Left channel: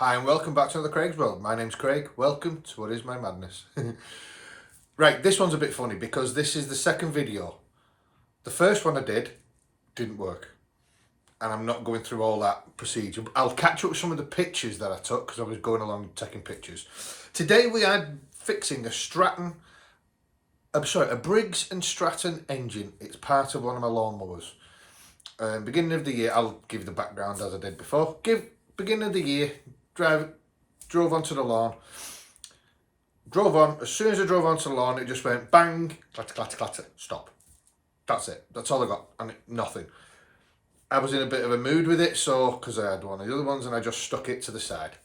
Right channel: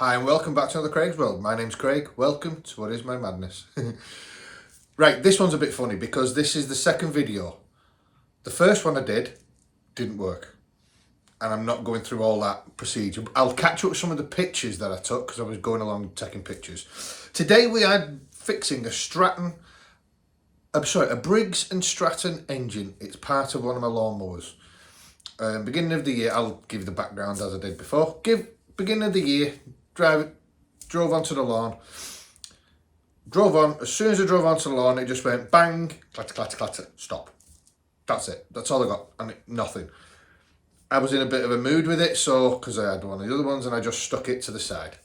Hi and welcome back to another Craig's World. My name's Craig. Welcome to What Is My Madness. Right, this one's a bit funny because this is the second video. The first one I didn't work. And I'm not going through all that procedure. I'll catch up with some of the pictures that I took because I was going along taking pictures. Today we are fixing a Briggs and Stratton engine. It's part of one of my lawnmowers. Beginning of the year, I'll give the background as I did before. Beginning of the year, drove onto the lawn, drove on. As soon as I drove onto the lawn, it just went bang, clatter, clatter, clatter, stop. That's it. That's all I got, and nothing. I was in a bit of a mood with it, so because I had one of the other ones, and I just stuck it to the side.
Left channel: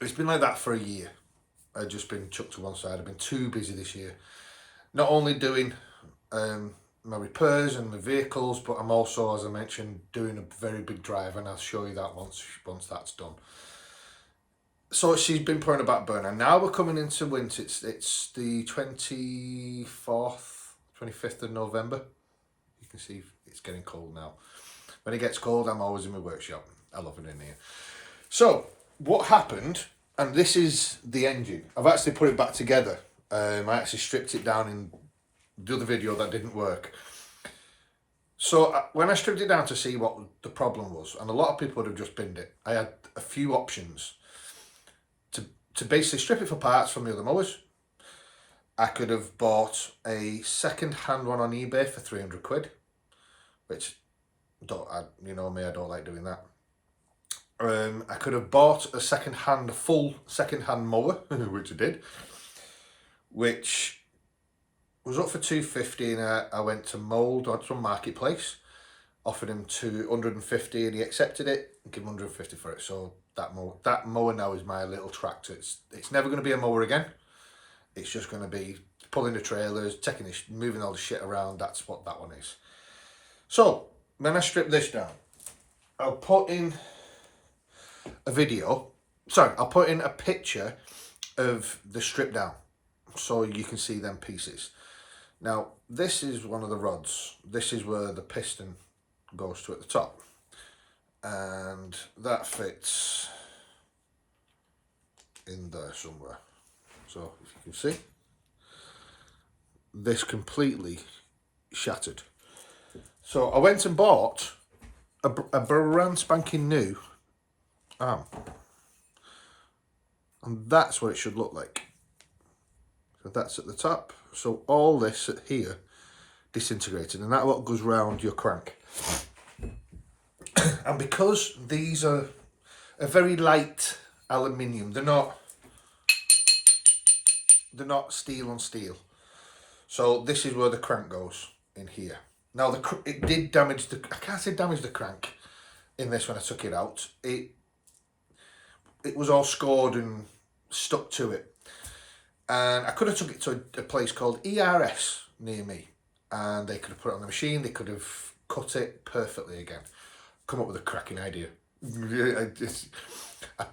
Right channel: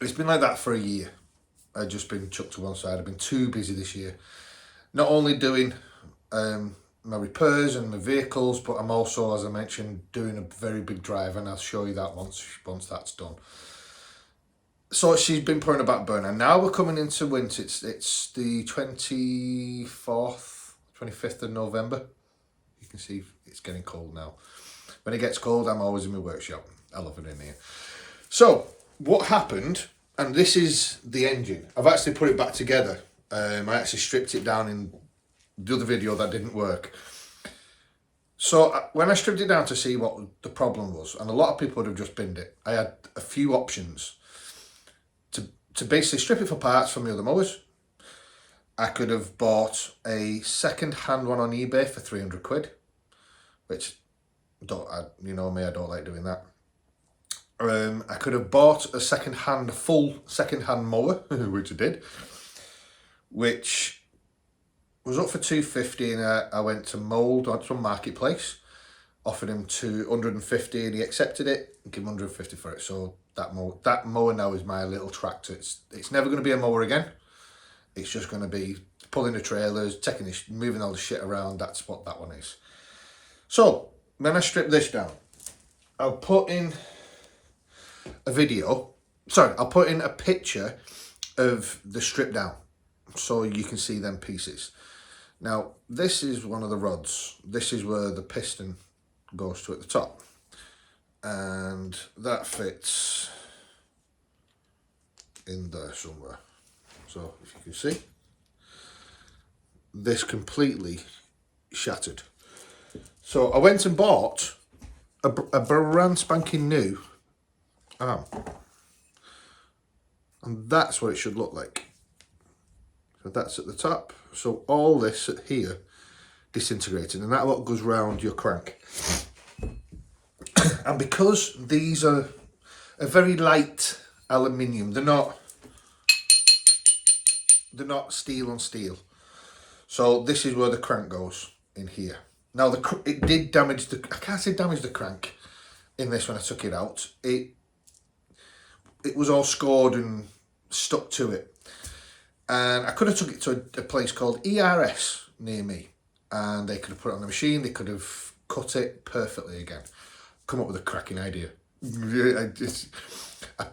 It's been like that for a year. I've just been chucked to one side. I've been too busy this year. Not only doing my repairs and my vehicles, but I'm also, as I mentioned, doing a very big drive, and I'll show you that once that's done. So she's been putting a back burner. Now we're coming into winter. It's the 24th, 25th of November. You can see it's getting cold now. When it gets cold, I'm always in my workshop. I love it in here. So what happened, and this is the engine. I've actually put it back together. I actually stripped it down in the other video that didn't work. So when I stripped it down to see what the problem was, and a lot of people would have just binned it, I had a few options to basically strip it for parts from the other mowers. I could have bought a second-hand one on eBay for 300 quid, which, you know me, I don't like doing that. I could have bought a full second-hand mower, which I did, which was up for 250, and I went to Mould on some marketplace, offered him 250, and he accepted it, and gave him 150 for it. So that mower now is my little tractor. It's never going to be a mower again. It's just going to be pulling the trailers, moving all the shit around. That's what that one is. So when I strip this down, I'll put in a picture of the strip down so you can see them pieces. Now, this is one of the rods. This is where the piston goes to at the top. And that fits in there somewhere. So, if you can see, this completely shattered. So, I went and bought a brand spanking new arm. And that's what it should look like. So that's at the top. So all this here disintegrated, and that lot goes round your crank. And because these are a very light aluminium, they're not steel on steel. So this is where the crank goes, in here. Now it did damage I can't say damage the crank in this when I took it out. It was all scored and stuck to it. And I could have took it to a place called ERS near me, and they could have put it on the machine. They could have cut it perfectly again. Come up with a cracking idea. I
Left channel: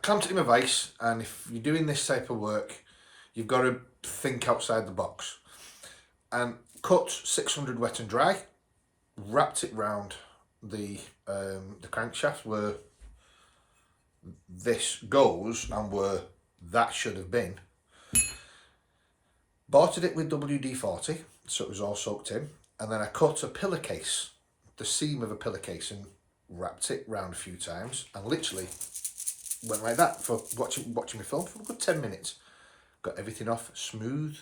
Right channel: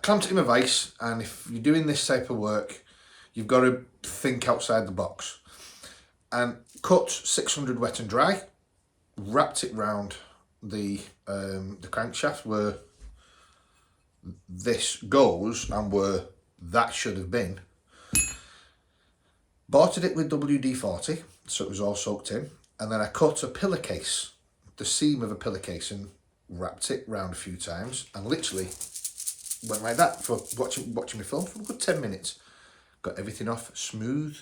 clamped it in my vise, and if you're doing this type of work, you've got to think outside the box. And cut 600 wet and dry, wrapped it round the crankshaft where this goes and where that should have been. Bolted it with WD-40, so it was all soaked in, and then I cut a pillowcase, the seam of a pillowcase, and wrapped it round a few times, and literally went like that for watching me film for a good 10 minutes. Got everything off smooth.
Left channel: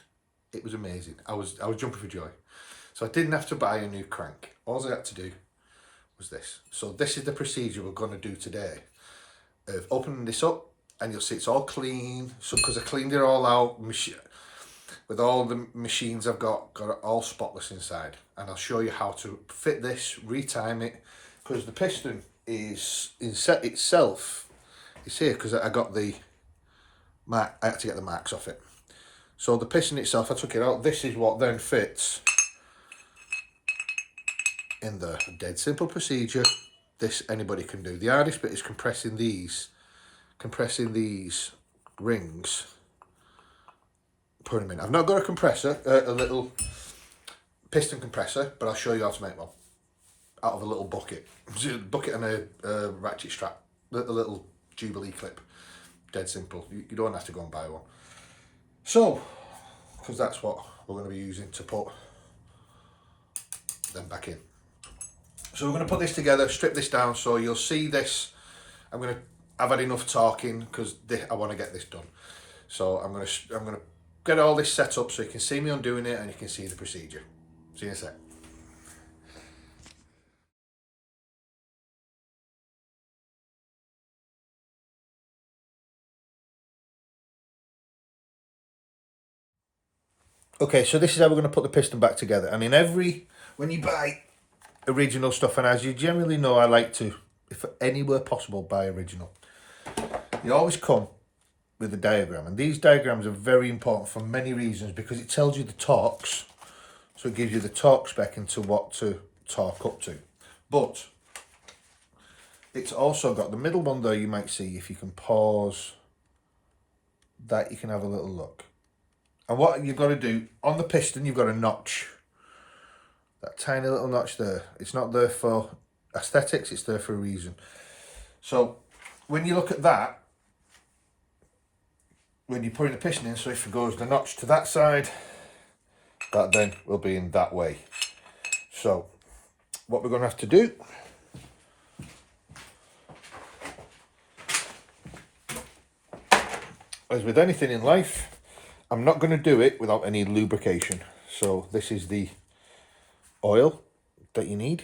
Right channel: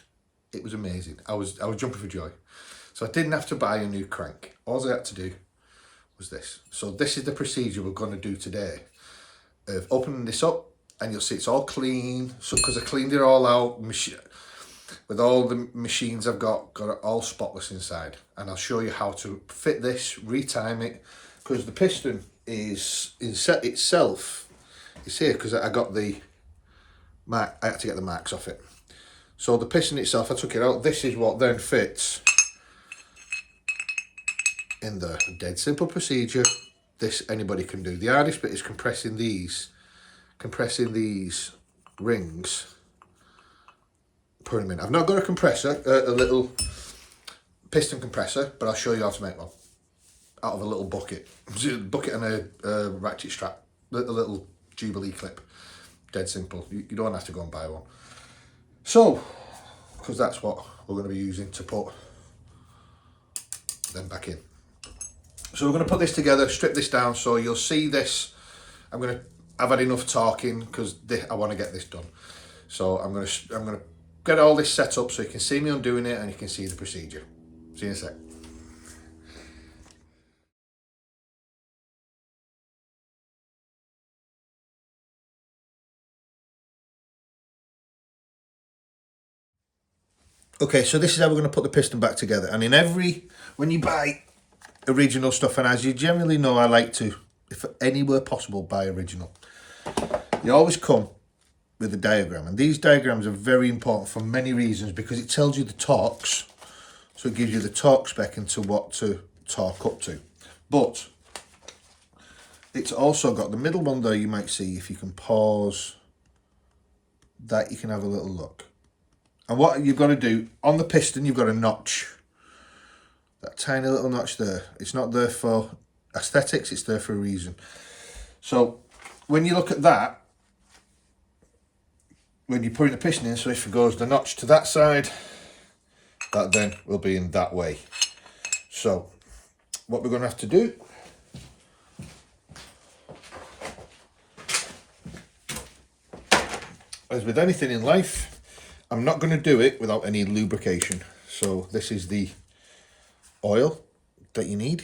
It was amazing. I was jumping for joy. So I didn't have to buy a new crank. All I had to do was this. So this is the procedure we're going to do today, of opening this up, and you'll see it's all clean. So because I cleaned it all out, with all the machines I've got it all spotless inside, and I'll show you how to fit this, retime it, because the piston is itself. It's here because I got the mark. I had to get the marks off it. So the piston itself, I took it out. This is what then fits in there. A dead simple procedure. This anybody can do. The hardest bit is compressing these rings. Put them in. I've not got a compressor, a little piston compressor, but I'll show you how to make one out of a little bucket and a ratchet strap, a little Jubilee clip. Dead simple. You don't have to go and buy one. So, because that's what we're going to be using to put them back in. So we're going to put this together, strip this down, so you'll see this. I've had enough talking because I want to get this done. So I'm going to get all this set up so you can see me undoing it and you can see the procedure. See you in a sec. Okay, so this is how we're going to put the piston back together. And when you buy original stuff, and as you generally know, I like to, if anywhere possible, buy original. You always come with a diagram, and these diagrams are very important for many reasons, because it tells you the torques, so it gives you the torque spec into what to torque up to. But it's also got the middle one there. You might see, if you can pause that, you can have a little look. And what you've got to do on the piston, you've got a notch, that tiny little notch there. It's not there for aesthetics, it's there for a reason. So when you look at that, when you put the piston in, so if it goes the notch to that side, that then will be in that way. So what we're going to have to do as with anything in life, I'm not going to do it without any lubrication. So this is the oil that you need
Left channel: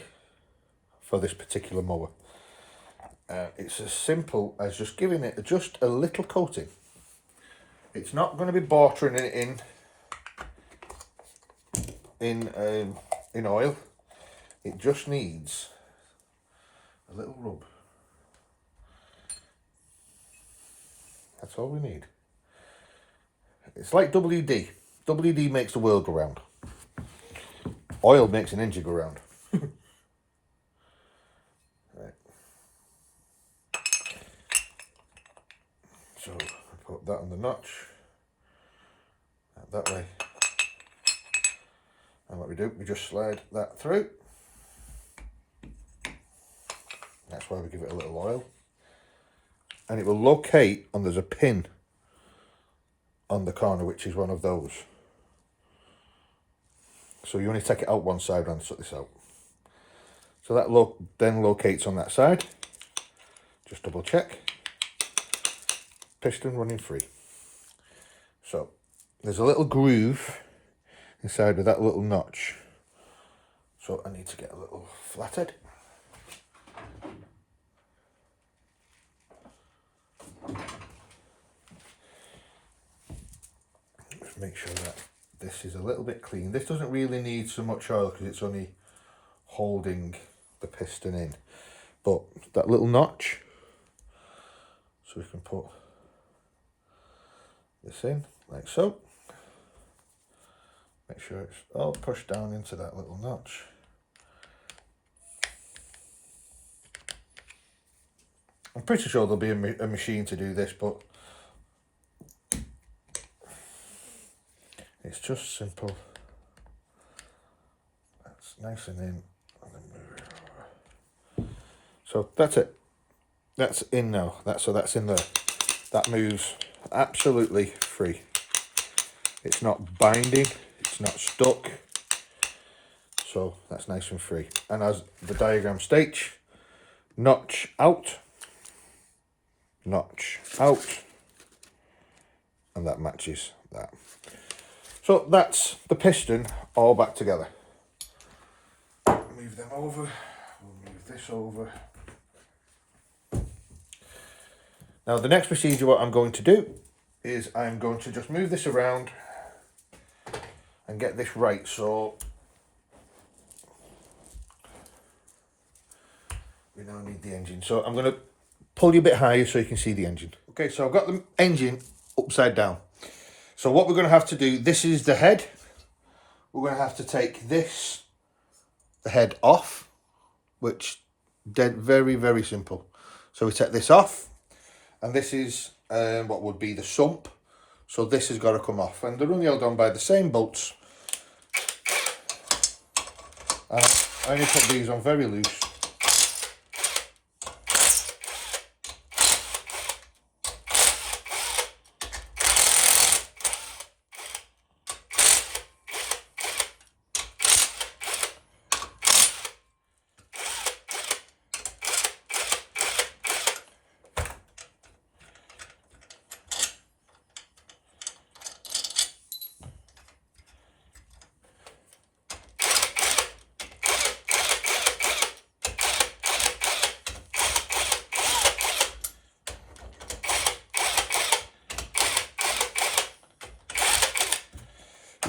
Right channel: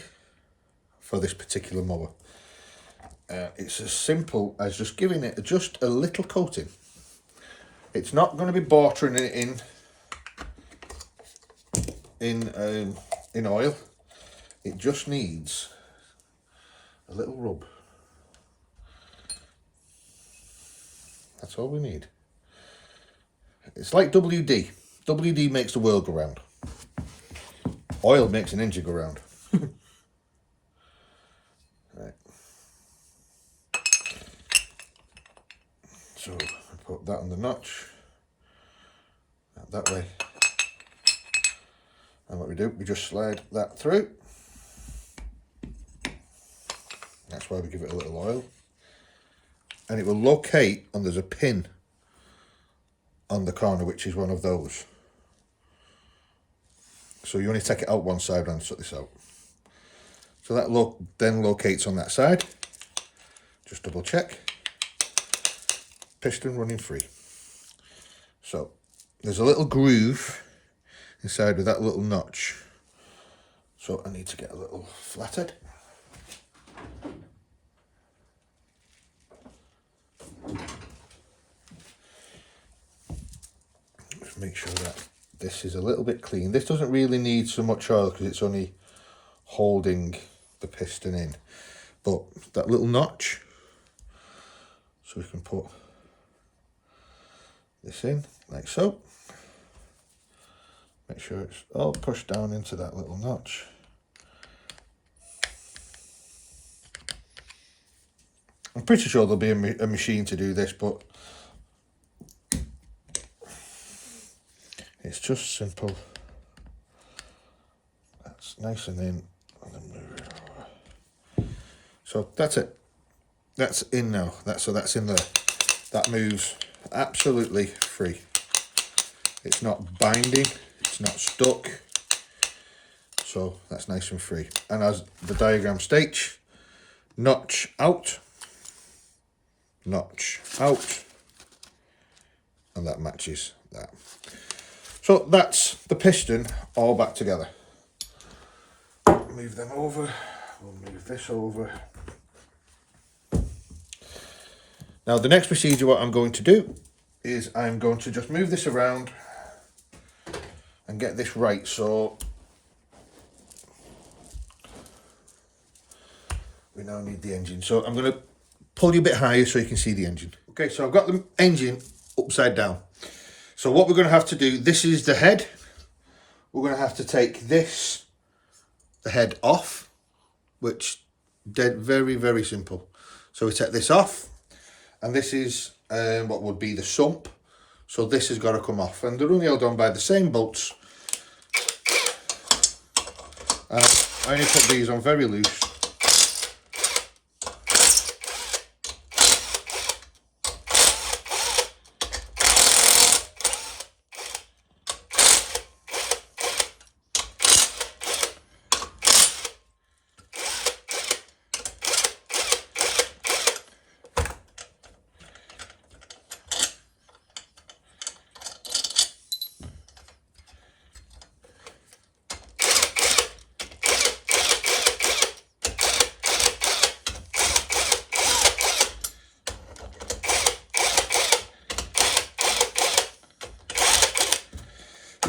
for this particular mower. It's as simple as just giving it just a little coating. It's not going to be watering it in oil. It just needs a little rub. That's all we need. It's like WD. WD makes the world go round. Oil makes an engine go round. Right. So I put that on the notch. That way. And what we do, we just slide that through. That's why we give it a little oil. And it will locate, and there's a pin on the corner, which is one of those. So you only take it out one side and sort this out. So that then locates on that side. Just double check. Piston running free. So there's a little groove inside with that little notch. So I need to get a little flathead. Just make sure that this is a little bit clean. This doesn't really need so much oil because it's only holding the piston in. But that little notch, so we can put this in like so. Make sure it's all pushed down into that little notch. I'm pretty sure there'll be a machine to do this, but it's just simple. That's nice and in, and then move it over. So that's it. That's in now. That's in there. That moves absolutely free. It's not binding. It's not stuck. So that's nice and free. And as the diagram states, notch out, and that matches that. So that's the piston all back together. Move them over. We'll move this over. Now the next procedure, what I'm going to do is I'm going to just move this around and get this right. So we now need the engine. So I'm going to pull you a bit higher so you can see the engine. Okay, so I've got the engine upside down. So what we're going to have to do, this is the head. We're going to have to take the head off, which very, very simple. So we take this off, and this is what would be the sump. So this has got to come off, and they're only held on by the same bolts. I only put these on very loose.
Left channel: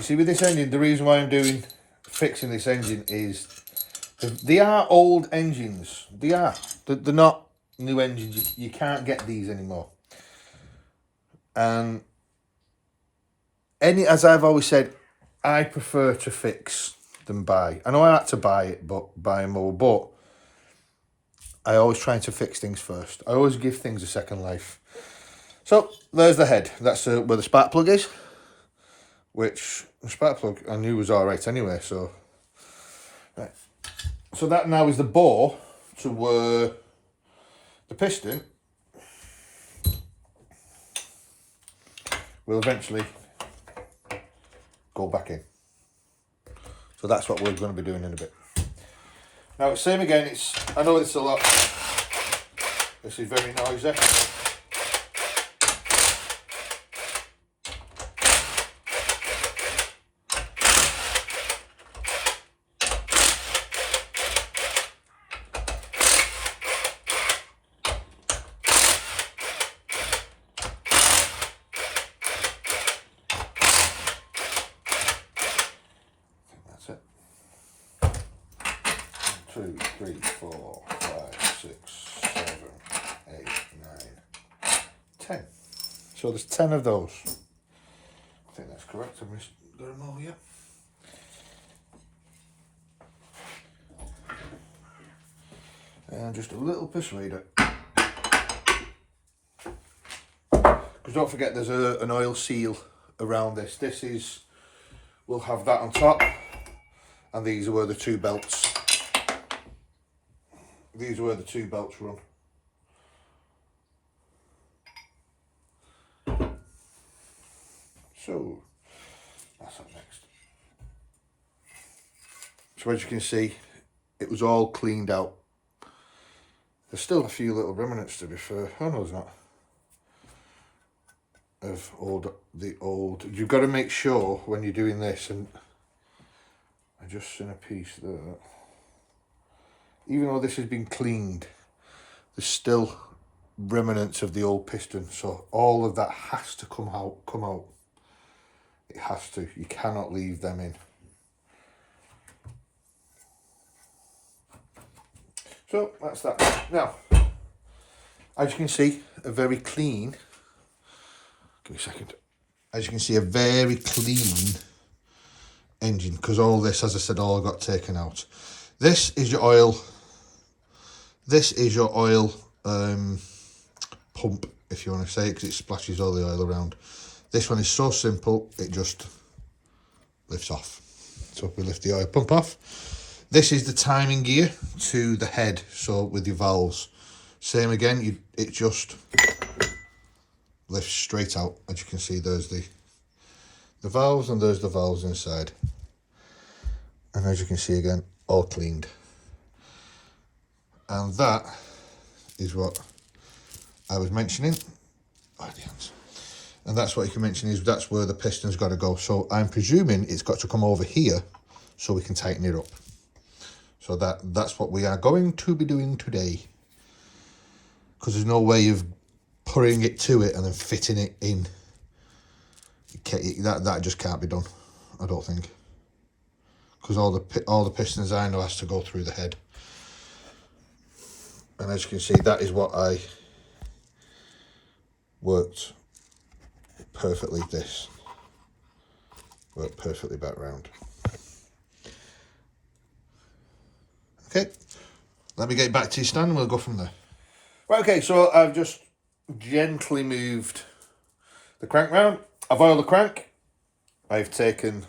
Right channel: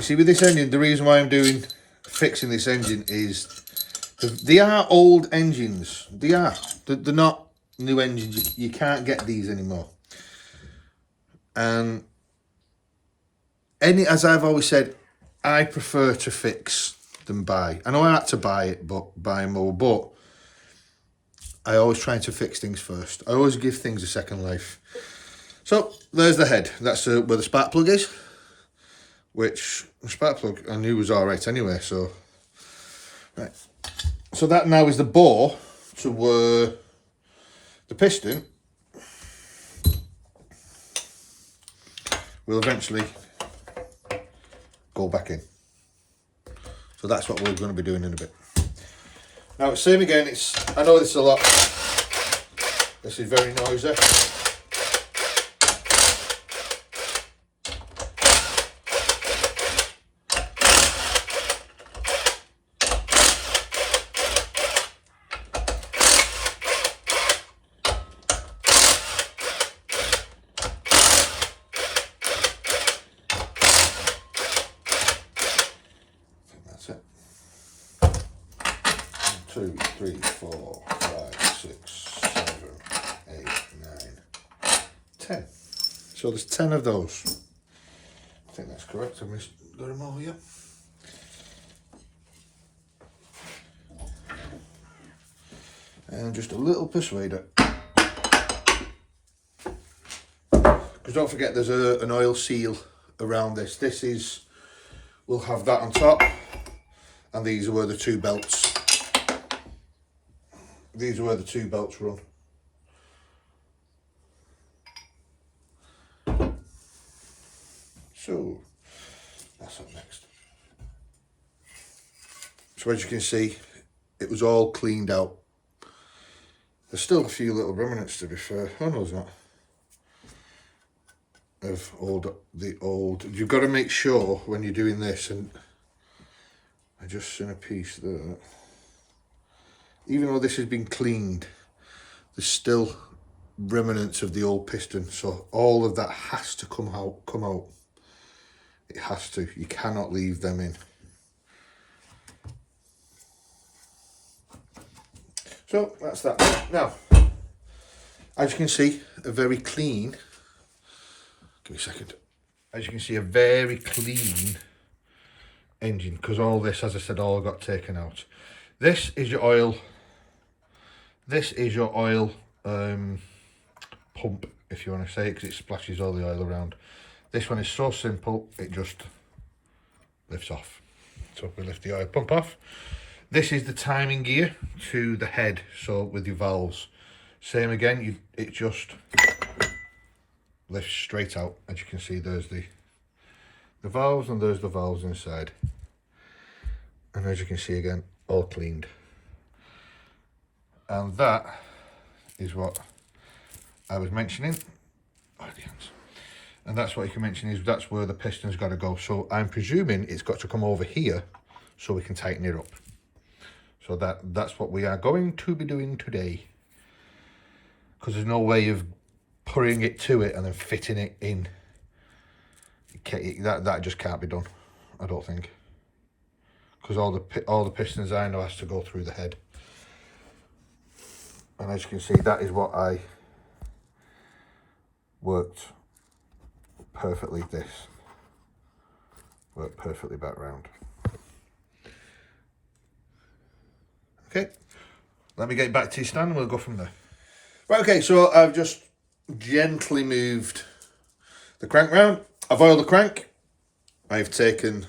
see with this engine, the reason why I'm fixing this engine is they are old engines. They're not new engines. You can't get these anymore. And as I've always said, I prefer to fix than buy. I know I had to buy more, but I always try to fix things first. I always give things a second life. So there's the head. That's where the spark plug is, which the spark plug I knew was all right anyway. So, right. So that now is the bore to where the piston will eventually go back in. So that's what we're going to be doing in a bit. Now it's same again. I know this is a lot. This is very noisy. That's it. 2, 3, 4, 5, 6, 7, 8, 9, 10. So there's 10 of those. I think that's correct. I've got them all here. And just a little persuader. Because don't forget there's an oil seal around this. We'll have that on top. And these are where the two belts. These are where the two belts run. So that's up next. So as you can see, it was all cleaned out. There's still a few little remnants, to be fair. Oh no, there's not. Of the old. You've got to make sure when you're doing this, and I just seen a piece there. Even though this has been cleaned, there's still remnants of the old piston. So all of that has to come out. It has to. You cannot leave them in. So that's that. Now, as you can see, a very clean. Give me a second. As you can see, a very clean engine, because all this, as I said, all got taken out. This is your oil. This is your oil pump, if you want to say it, because it splashes all the oil around. This one is so simple, it just lifts off. So we lift the oil pump off. This is the timing gear to the head, so with your valves. Same again, it just lifts straight out. As you can see, there's the valves, and there's the valves inside. And as you can see again, all cleaned. And that is what I was mentioning. And that's what you can mention is that's where the piston's got to go. So I'm presuming it's got to come over here so we can tighten it up. So that's what we are going to be doing today. Because there's no way of putting it to it and then fitting it in. That just can't be done, I don't think. Because all the pistons I know has to go through the head. And as you can see, that is what I worked perfectly. This worked perfectly back round. Okay, let me get back to your stand and we'll go from there. Right, okay, so I've just gently moved the crank round. I've oiled the crank. I've taken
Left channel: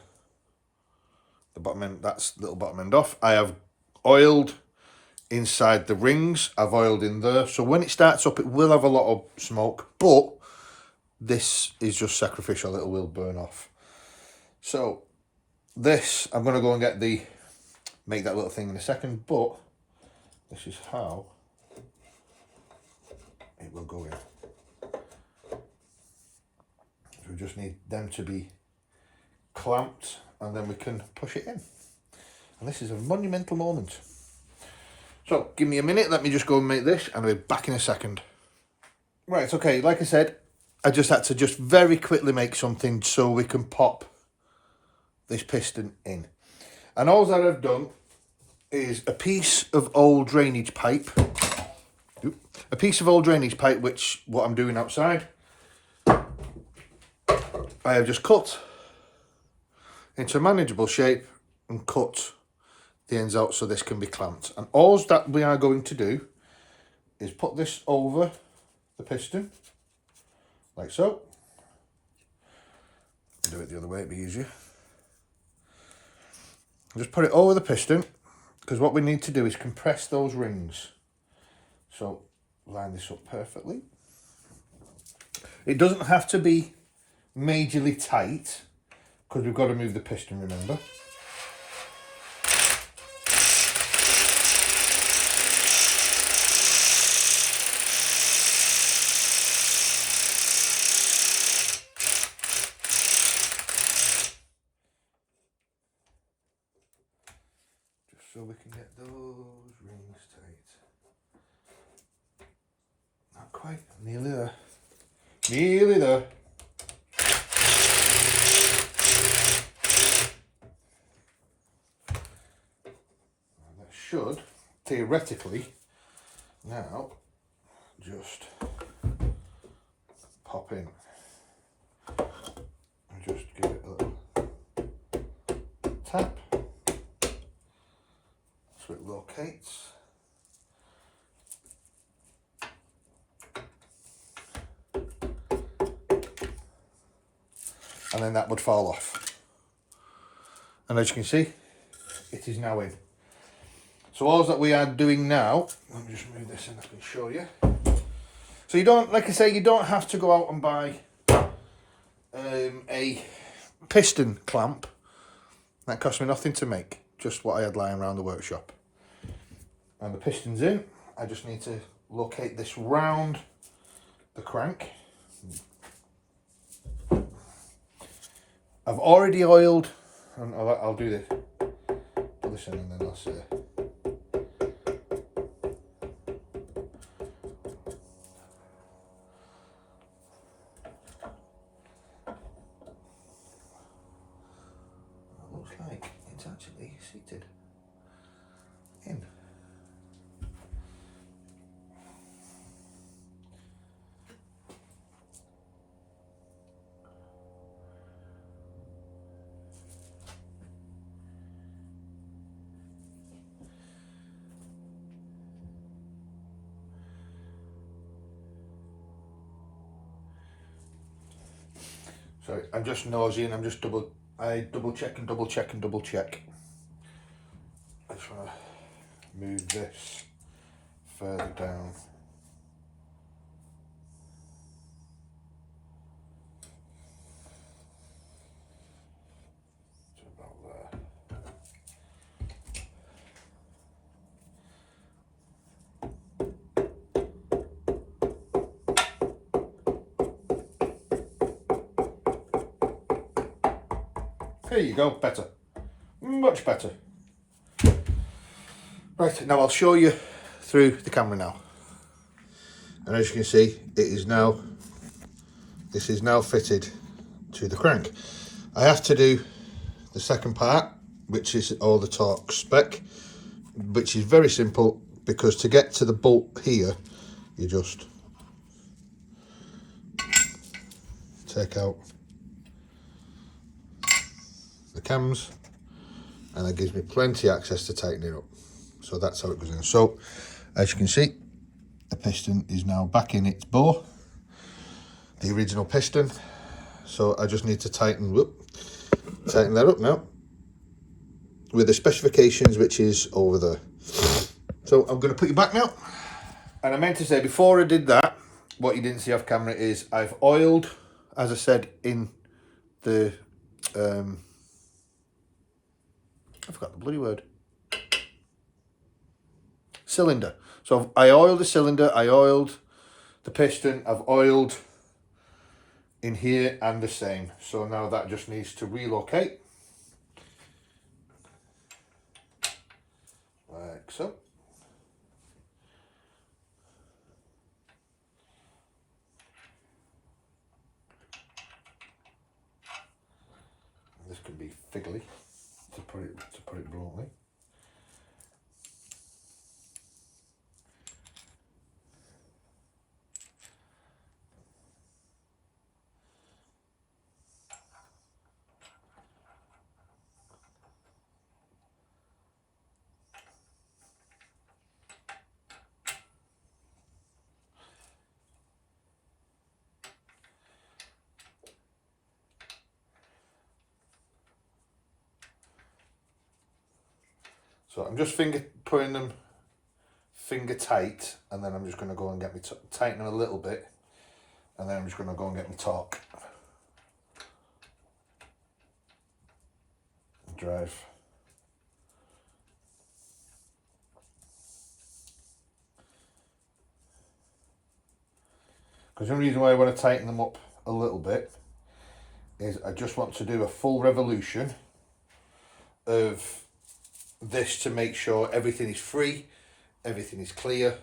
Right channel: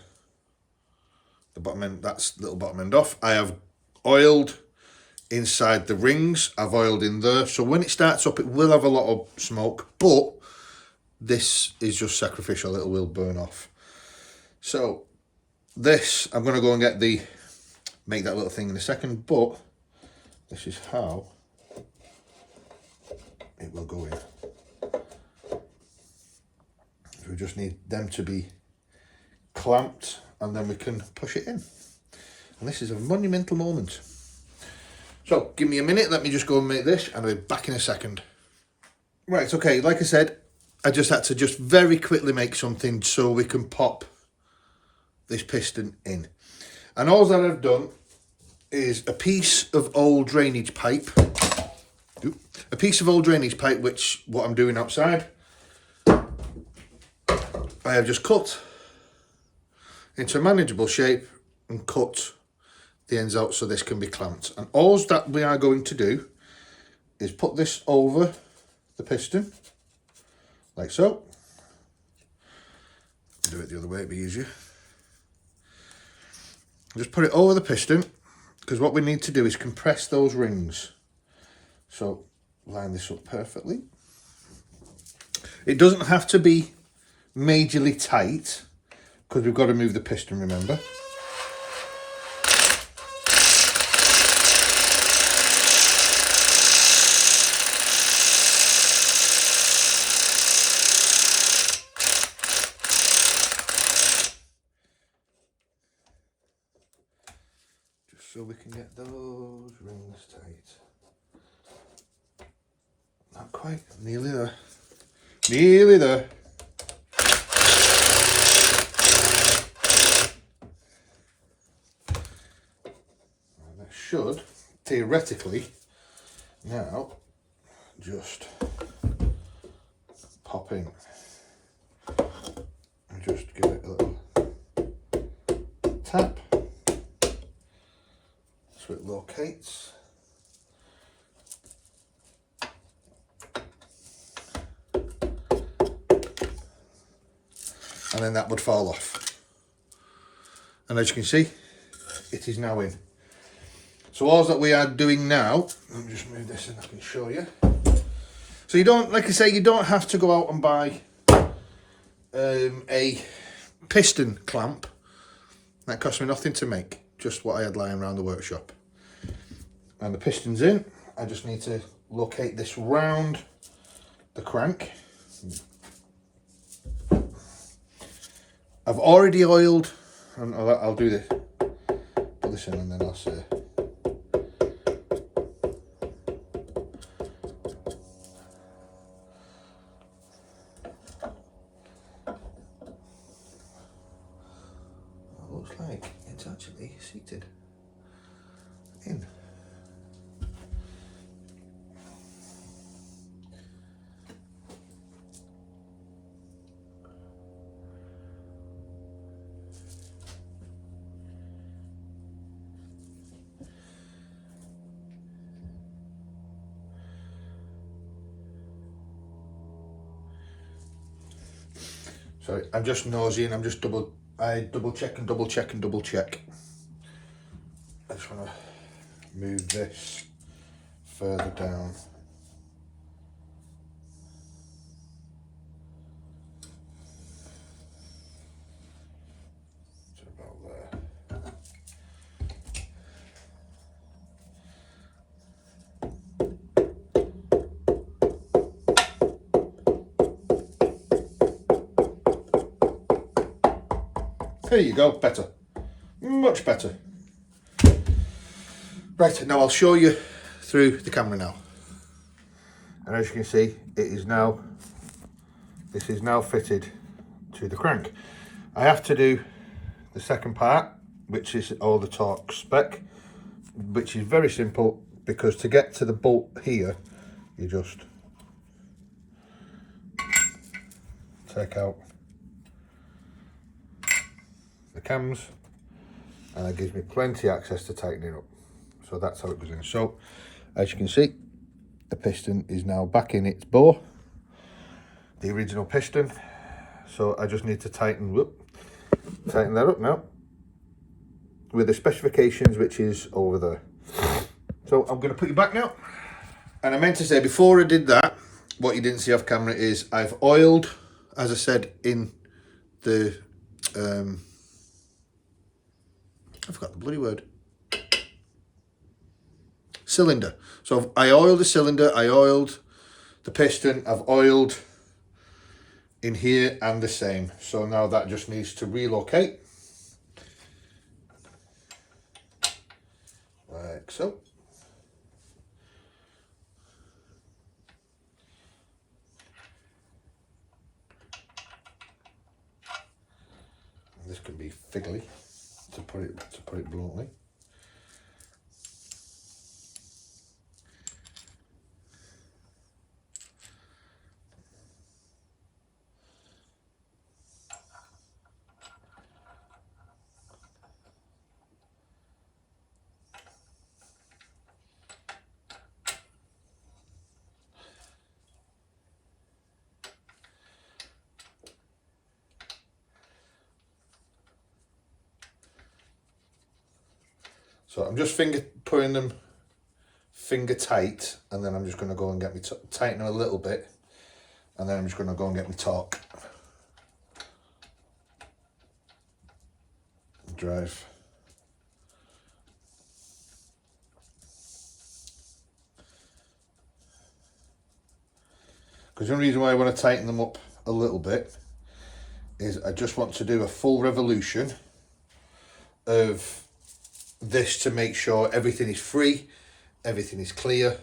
the bottom end, that's little bottom end off. I have oiled inside the rings. I've oiled in there. So when it starts up, it will have a lot of smoke, but this is just sacrificial. It will burn off. So this, I'm going to go and make that little thing in a second, but this is how it will go in. So we just need them to be clamped and then we can push it in. And this is a monumental moment. So give me a minute, let me just go and make this and I'll be back in a second. Right, okay, like I said, I just had to very quickly make something so we can pop this piston in. And all that I've done is a piece of old drainage pipe. A piece of old drainage pipe, which what I'm doing outside, I have just cut into a manageable shape and cut the ends out so this can be clamped. And all that we are going to do is put this over the piston, like so. Do it the other way, it'd be easier. Just put it over the piston, because what we need to do is compress those rings. So line this up perfectly. It doesn't have to be majorly tight, because we've got to move the piston, remember. Just so we can get those rings tight. Not quite, nearly there. Nearly there. And that should, theoretically, now just pop in. And just give it a little tap so it locates. And then that would fall off. And as you can see, it is now in. So all that we are doing now, let me just move this in, I can show you. So you don't, like I say, you don't have to go out and buy a piston clamp. That cost me nothing to make, just what I had lying around the workshop. And the piston's in. I just need to locate this round the crank. I've already oiled, and I'll do this, put this in and then I'll say. It looks like it's actually seated in. Sorry, I'm just nosy and I'm just double check and double check and double check. I just want to move this further down. To about there. There you go, better. Much better. Right, now I'll show you through the camera now. And as you can see, this is now fitted to the crank. I have to do the second part, which is all the torque spec, which is very simple, because to get to the bolt here, you just take out the cams, and that gives me plenty access to tighten it up. So that's how it goes in. So as you can see, the piston is now back in its bore, the original piston. So I just need to tighten that up now with the specifications, which is over there. So I'm going to put you back now. And I meant to say before I did that, what you didn't see off camera is I've oiled, as I said, in the I forgot the bloody word. Cylinder. So I oiled the cylinder, I oiled the piston, I've oiled in here and the same. So now that just needs to relocate. Like so. This can be fiddly, to put it bluntly. So I'm just putting them finger tight, and then I'm just going to go and get me tighten them a little bit, and then I'm just going to go and get my torque. Drive. Because the only reason why I want to tighten them up a little bit is I just want to do a full revolution of this to make sure everything is free, everything is clear,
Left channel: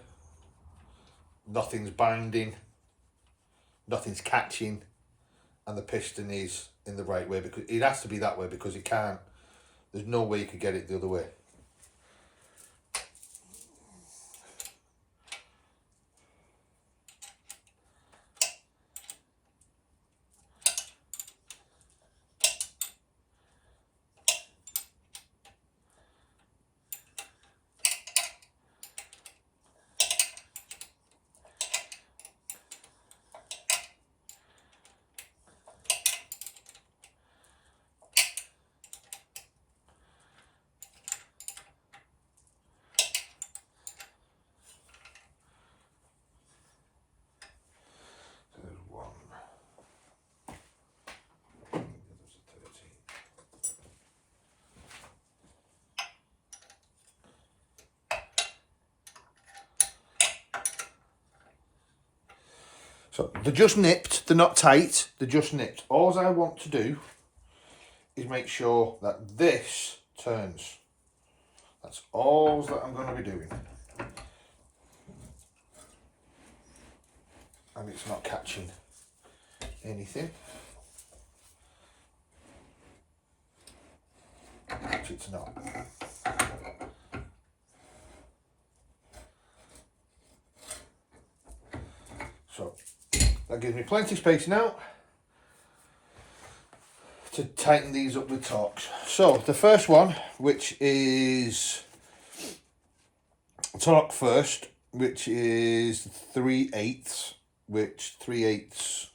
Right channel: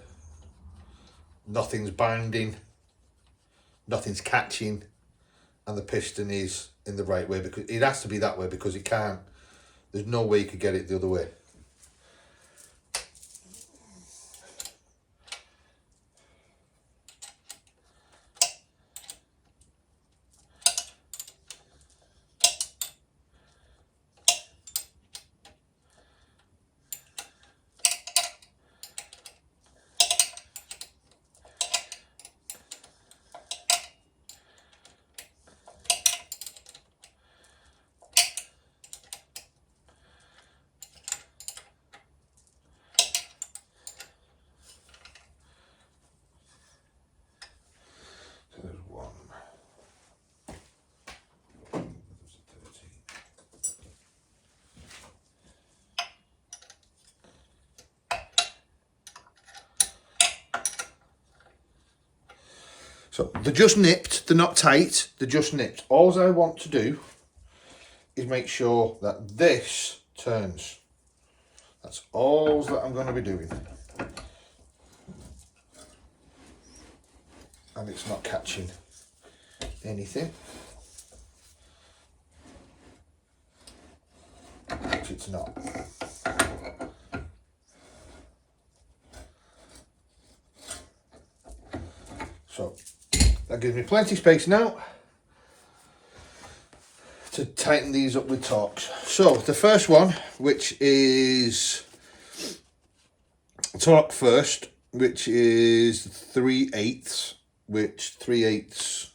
nothing's binding, nothing's catching, and the piston is in the right way, because it has to be that way, because it can't, there's no way you could get it the other way. So they're just nipped, they're not tight, they're just nipped. All I want to do is make sure that this turns. That's all that I'm going to be doing. And it's not catching anything. Which it's not. So that gives me plenty of space now to tighten these up with torques. So the first one, which is torque first, which is 3/8, which 3/8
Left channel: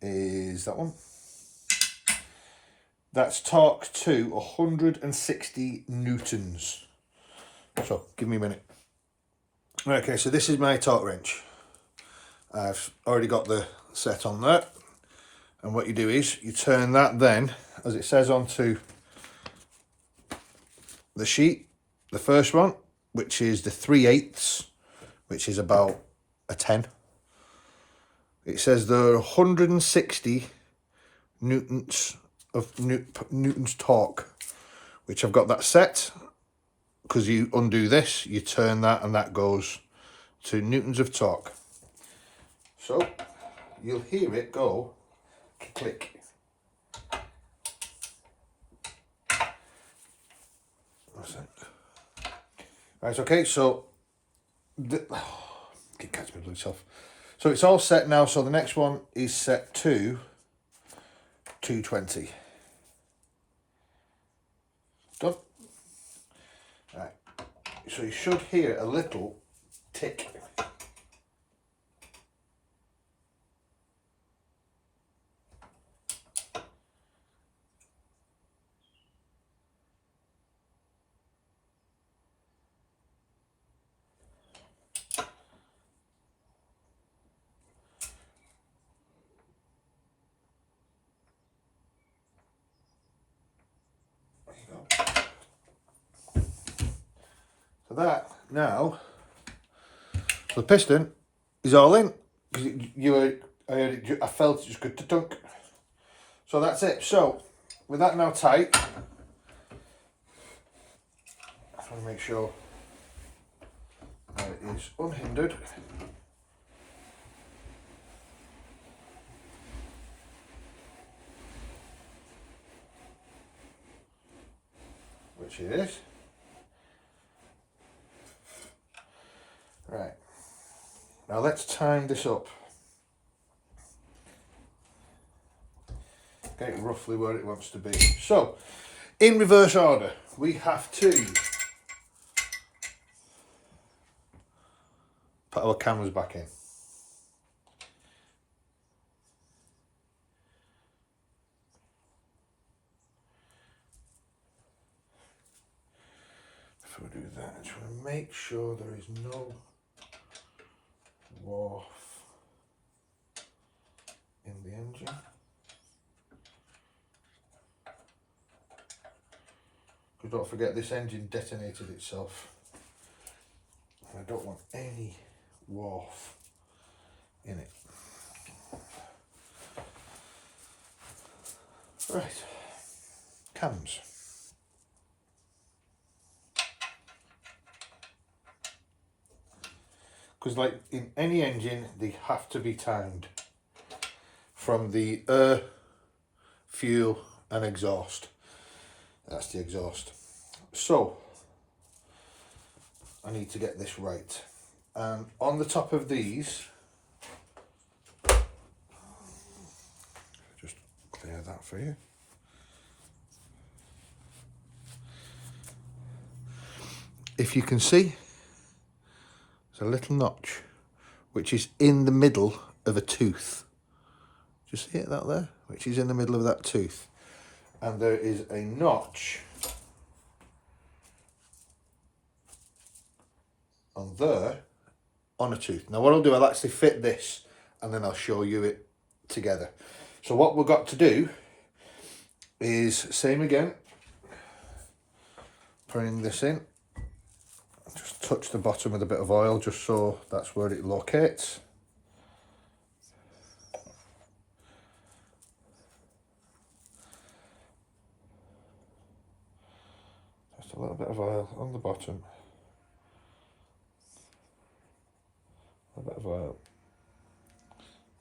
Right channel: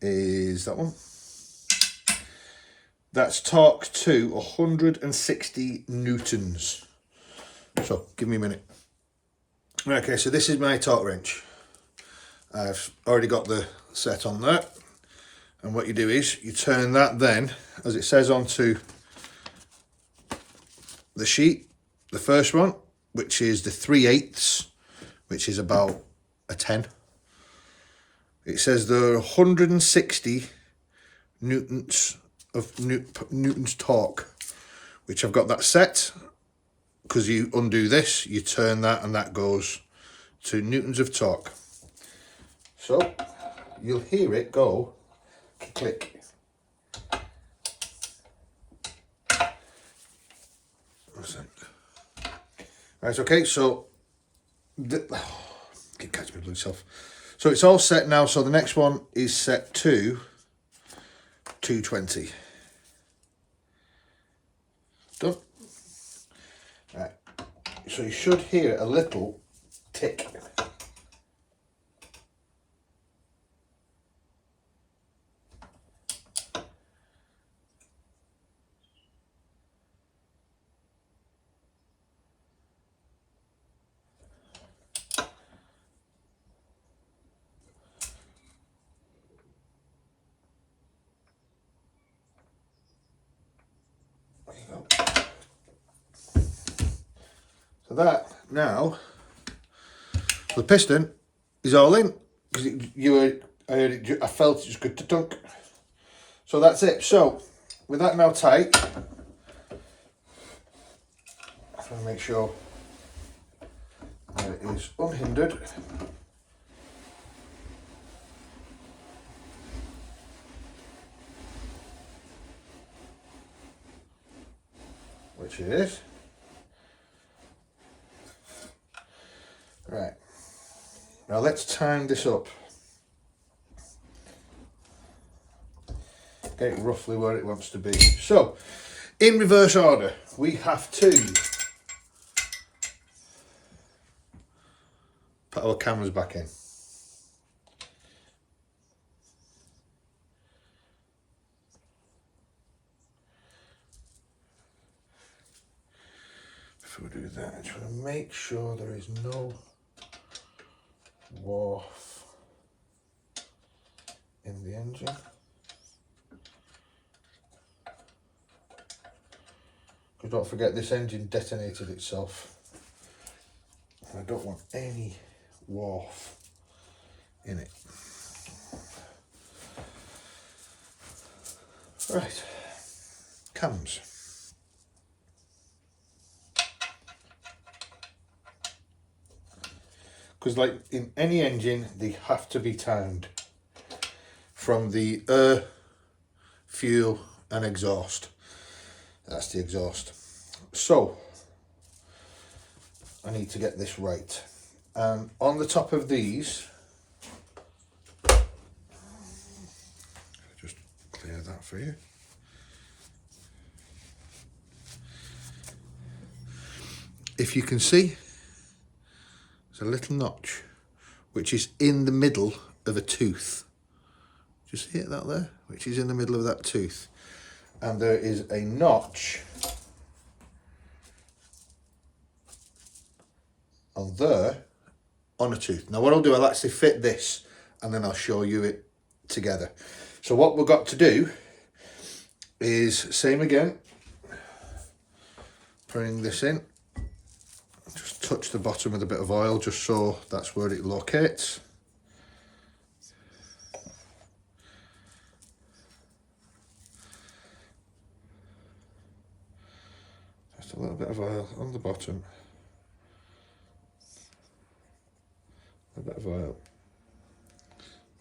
is that one. That's torque to 160 newtons. So give me a minute. Right, okay, so this is my torque wrench. I've already got the set on there. And what you do is you turn that then, as it says, onto the sheet, the first one, which is the 3/8, which is about a 10. It says there are 160 newtons of newtons torque, which I've got that set, because you undo this, you turn that, and that goes to newtons of torque. So you'll hear it go click. Right, okay, so can catch my blue self. So it's all set now, so the next one is set to 220. Done. Right, so you should hear a little tick. So that now, the piston is all in, because I heard it, I felt it just good to dunk. So that's it. So with that now tight, I want to make sure that it is unhindered. which it is. Right, now let's time this up. Get it roughly where it wants to be. So, in reverse order, we have to put our cameras back in. Before we do that, I just want to make sure there is no warp in the engine. Because don't forget, this engine detonated itself. I don't want any warp in it. Right, cams. Because like in any engine, they have to be timed from the air, fuel and exhaust. That's the exhaust. So I need to get this right. And on the top of these, just clear that for you. If you can see, there's a little notch which is in the middle of a tooth. Do you see it, that there? Which is in the middle of that tooth. And there is a notch on there on a tooth. Now what I'll do, I'll actually fit this and then I'll show you it together. So what we've got to do is same again, putting this in, just touch the bottom with a bit of oil just so that's where it locates. Just a little bit of oil on the bottom. A bit of oil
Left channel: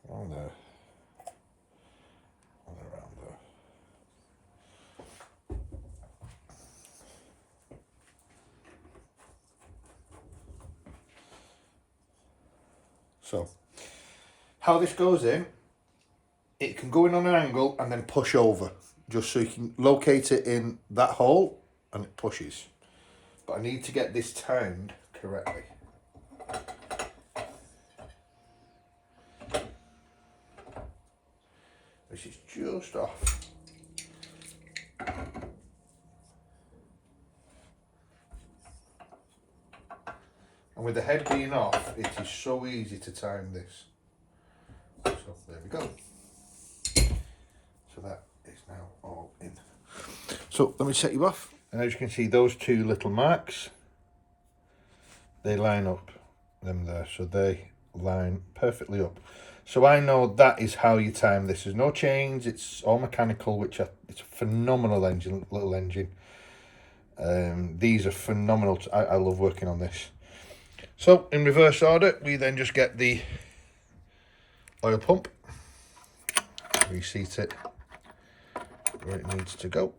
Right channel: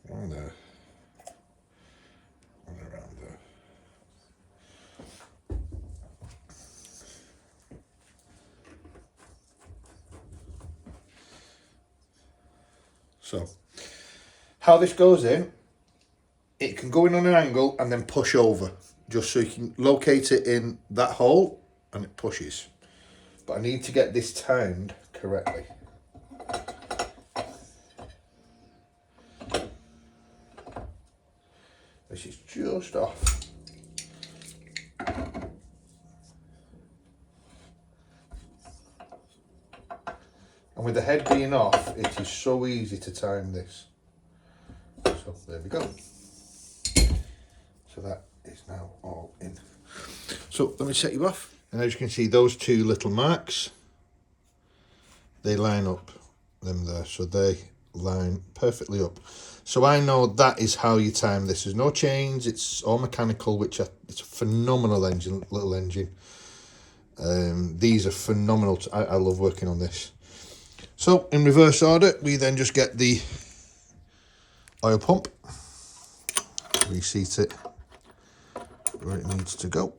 on there and around there. So, how this goes in, it can go in on an angle and then push over, just so you can locate it in that hole and it pushes. But I need to get this timed correctly. This is just off. And with the head being off, it is so easy to time this. So there we go. So that is now all in. So let me set you off. And as you can see, those two little marks, they line up, them there. So they line perfectly up. So I know that is how you time this. There's no chains, it's all mechanical, which it's a phenomenal engine, little engine. These are phenomenal. I love working on this. So in reverse order, we then just get the oil pump, reseat it where it needs to go.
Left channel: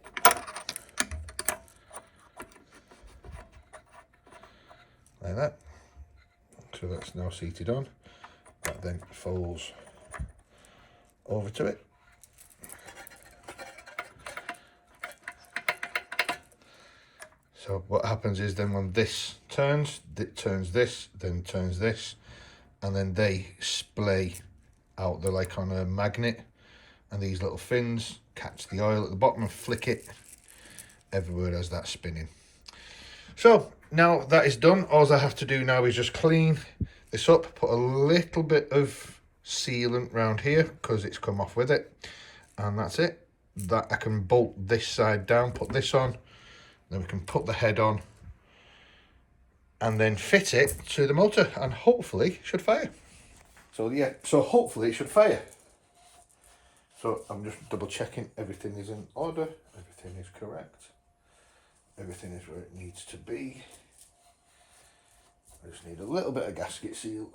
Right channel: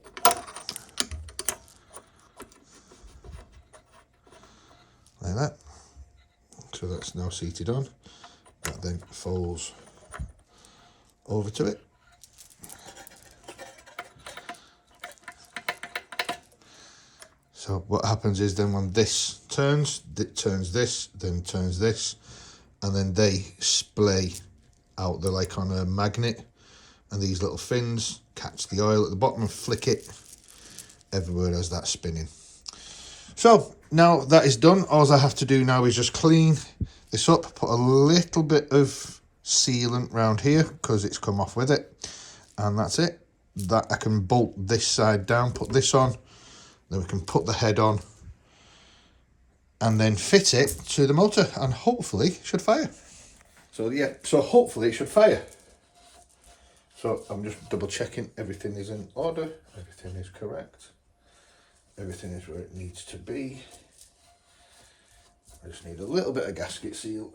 Like that. So that's now seated on. That then folds over to it. So what happens is then when this turns, it turns this, then turns this, and then they splay out. They're like on a magnet, and these little fins catch the oil at the bottom and flick it everywhere as that's spinning. So now that is done, all I have to do now is just clean this up, put a little bit of sealant around here because it's come off with it, and that's it. That I can bolt this side down, put this on, then we can put the head on and then fit it to the motor, and hopefully it should fire. So yeah, so hopefully it should fire. So I'm just double checking everything is in order, everything is correct, everything is where it needs to be. I just need a little bit of gasket seal.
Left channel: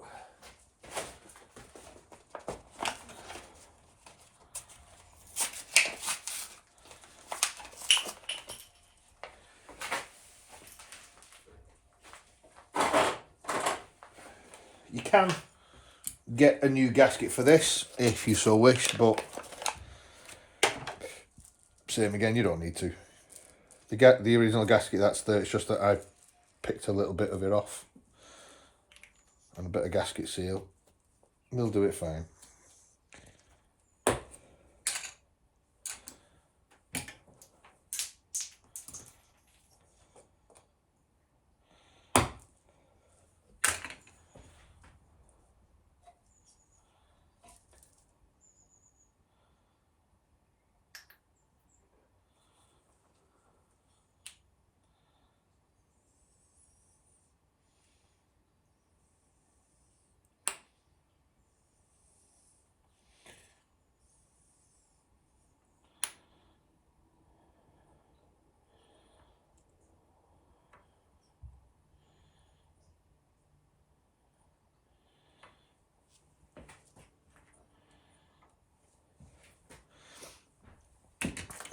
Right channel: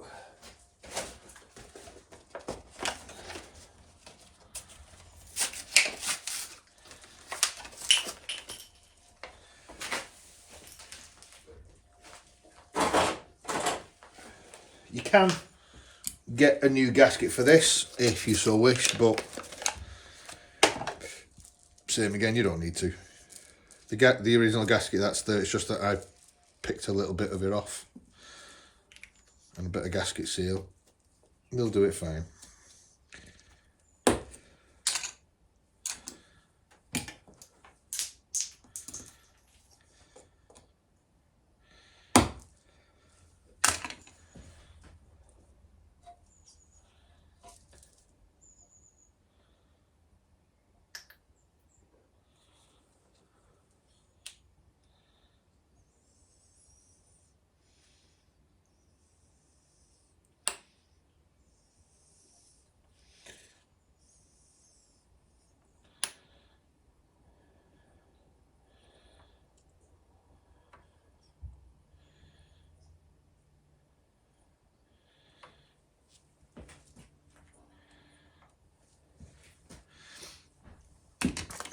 You can get a new gasket for this if you so wish, but same again, you don't need to. The original gasket that's there, it's just that I picked a little bit of it off and a bit of gasket seal. They'll do it fine.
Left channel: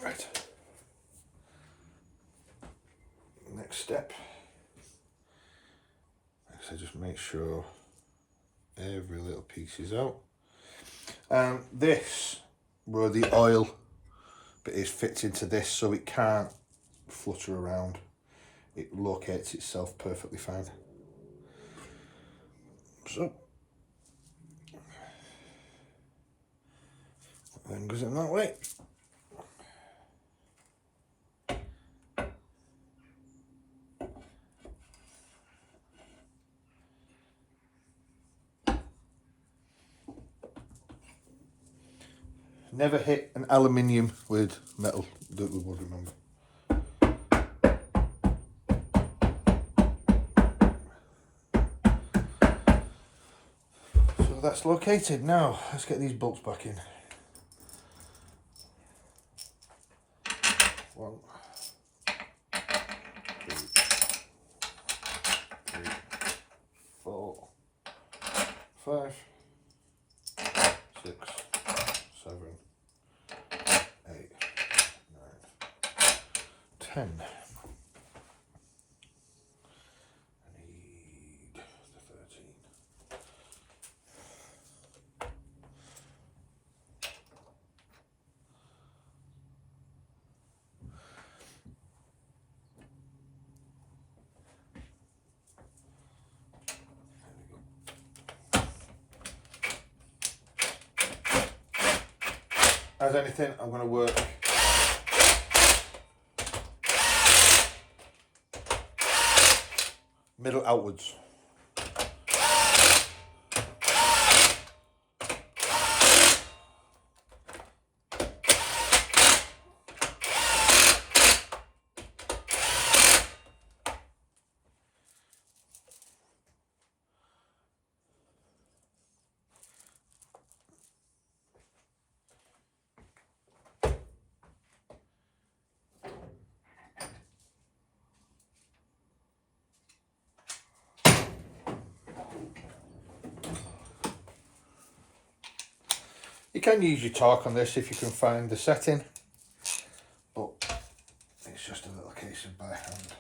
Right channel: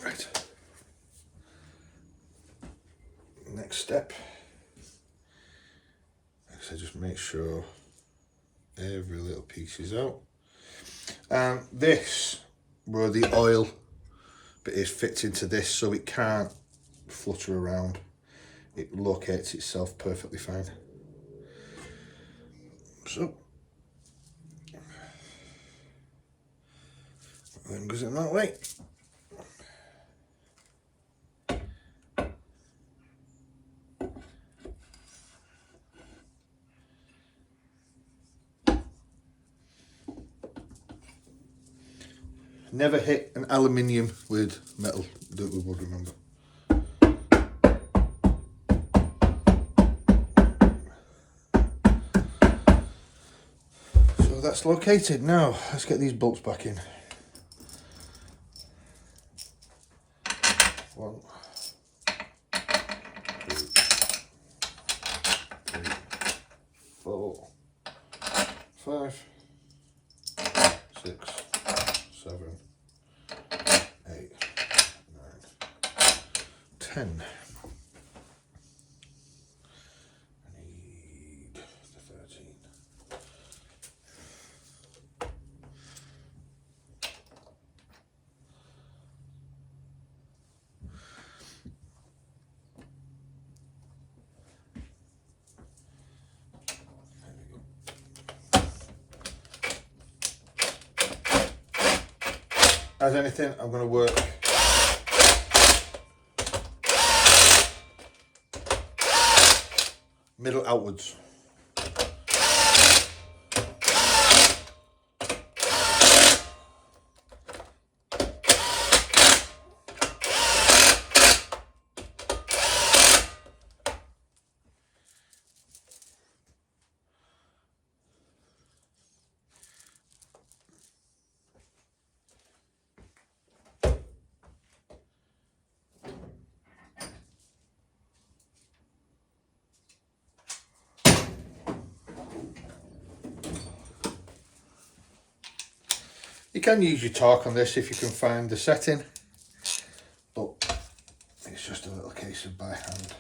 Right. Next step. So just make sure every little piece is out. And this, where the oil bit is, fits into this, so it can't flutter around. It locates itself perfectly fine. So, then goes in that way. Never hit an aluminium with metal that we would remember. So that's located. Now let's get these bolts back in. 1, 2, 3, 4, 5, 6, 7, 8, 9, 10. I need the 13. As anything, I'm going to work middle outwards. You can use your torque on this if you can find the setting, but it's just a little case of by hand.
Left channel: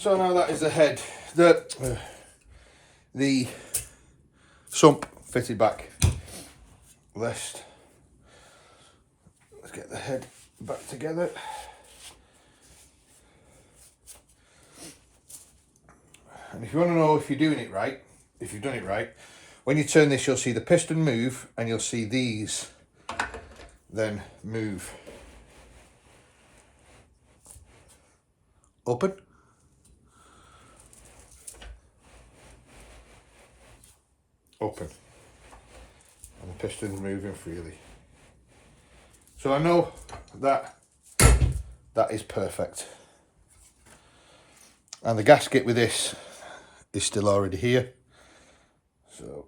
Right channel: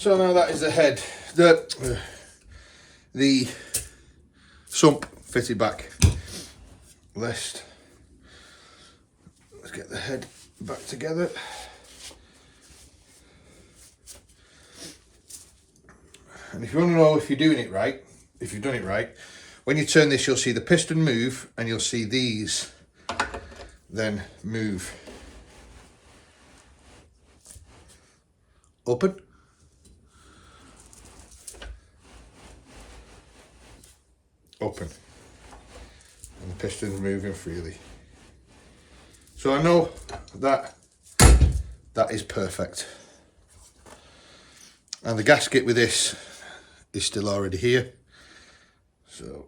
So now that is the head, the sump fitted back. Let's get the head back together. And if you want to know if you're doing it right, if you've done it right, when you turn this, you'll see the piston move and you'll see these then move open, open, and the piston's moving freely. So I know that that is perfect. And the gasket with this is still already here. So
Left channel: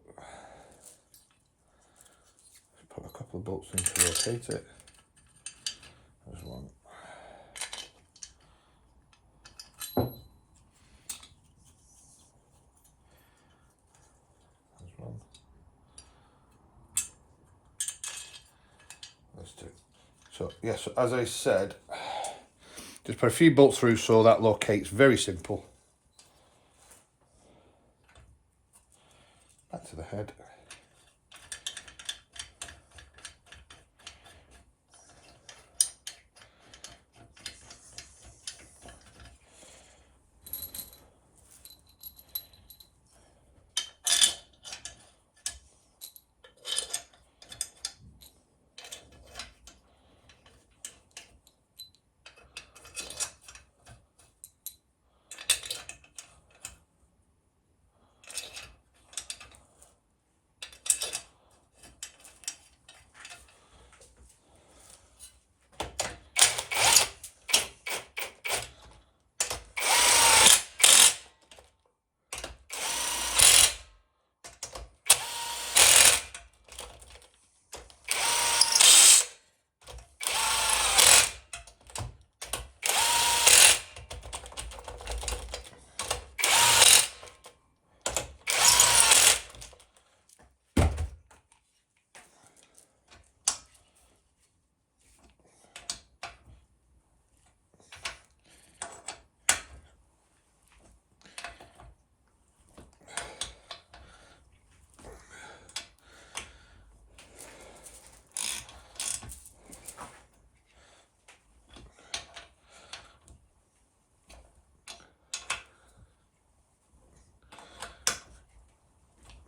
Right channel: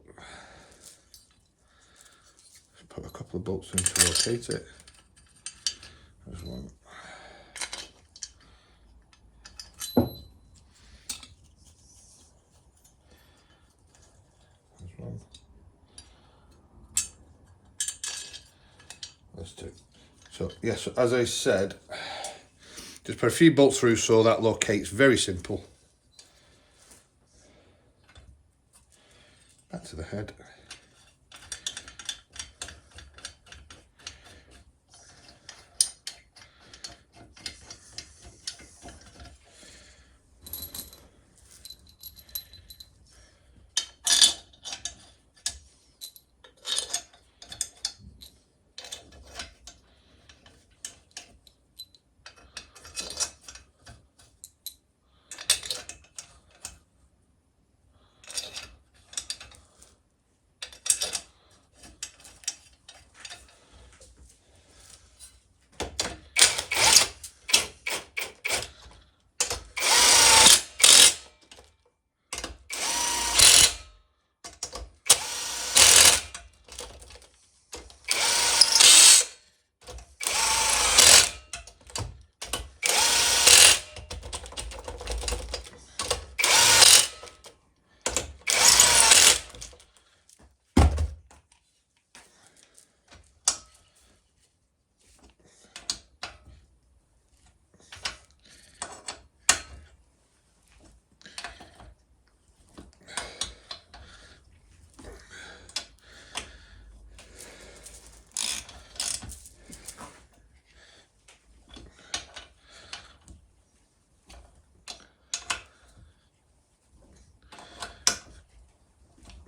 put a couple of bolts in to rotate it. There's one. There's one. There's two. So yes, as I said, just put a few bolts through so that locates. Very simple. Back to the head.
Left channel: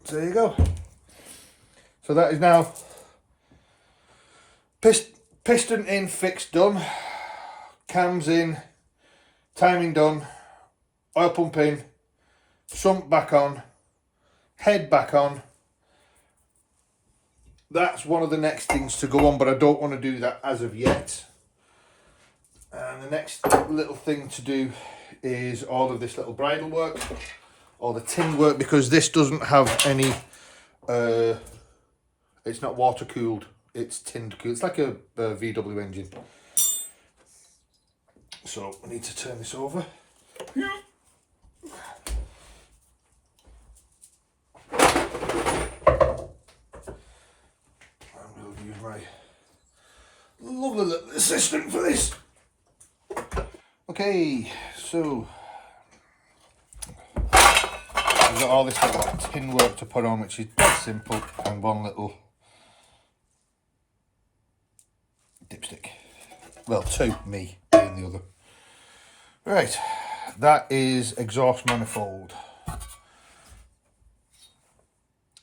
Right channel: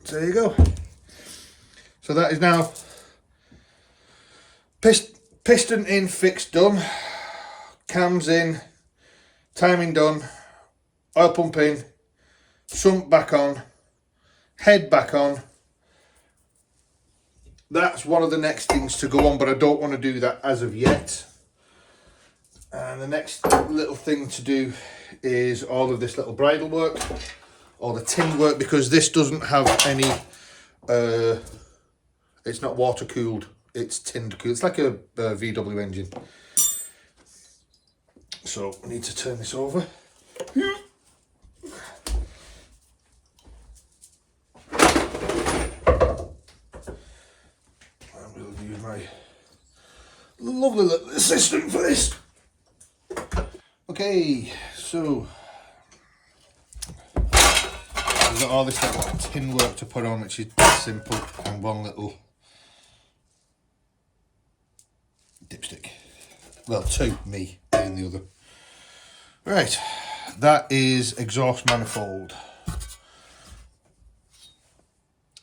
So there you go. So that is now piston in, fixed, done. Cams in, timing done, oil pump in, sump back on, head back on. That's one of the next things to go on, but I don't want to do that as of yet. And the next little thing to do is all of this little bridle work, or the tin work, because this doesn't have any, it's not water cooled, it's tinned cooled. It's like a VW engine. So I need to turn this over. I'm going to use my lovely little assistant for this. Okay, so we've got all this little tin work to put on, which is simple, and one little dipstick. Well, two, me and the other. Right, that is exhaust manifold,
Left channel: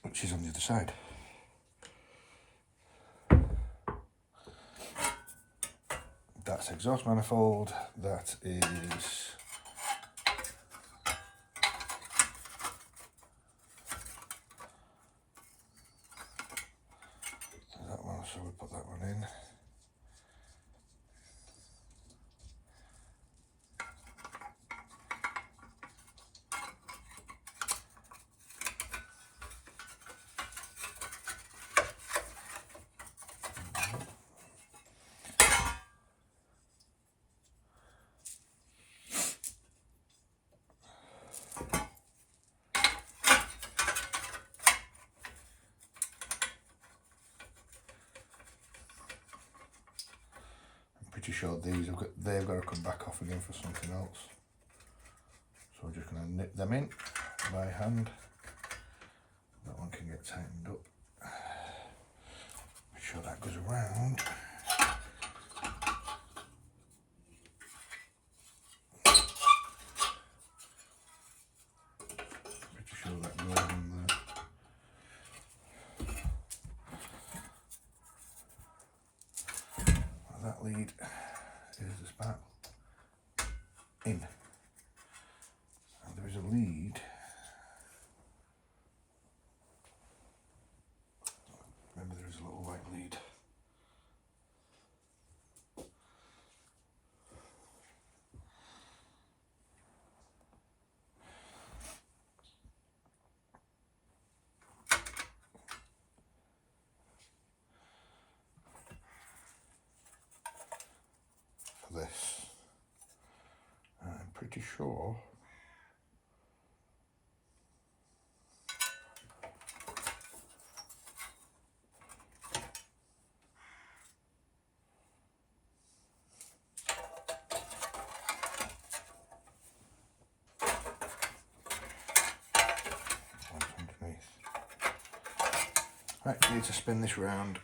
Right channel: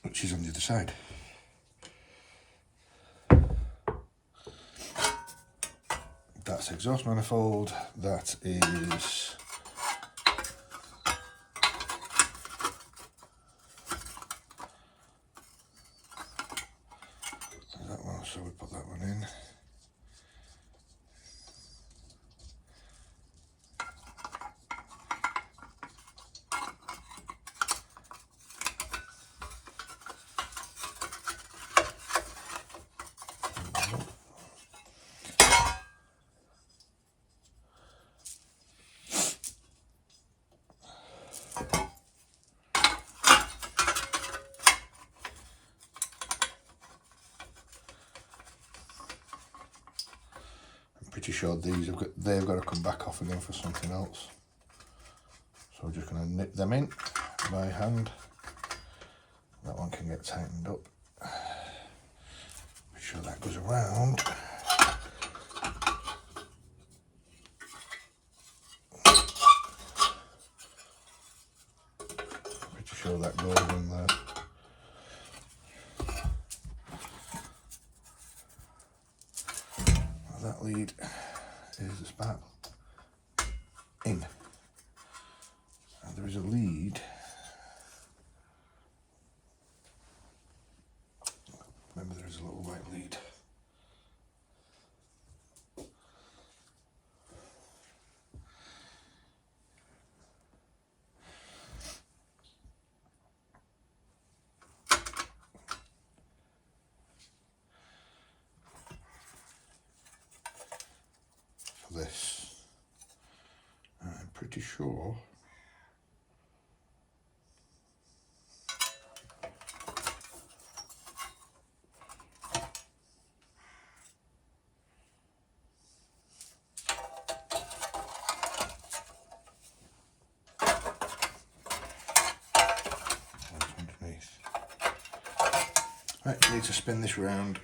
which is on the other side. That's exhaust manifold. That is that one, so we put that one in. Pretty sure they've got to come back off again for something else. So we're just going to nip them in by hand. That one can get tightened up. Make sure that goes around. Pretty sure that goes in there. that lead is the spark in, and there is a lead. Remember, there is a little white lead. For this, I'm pretty sure underneath. Right, need to spin this round.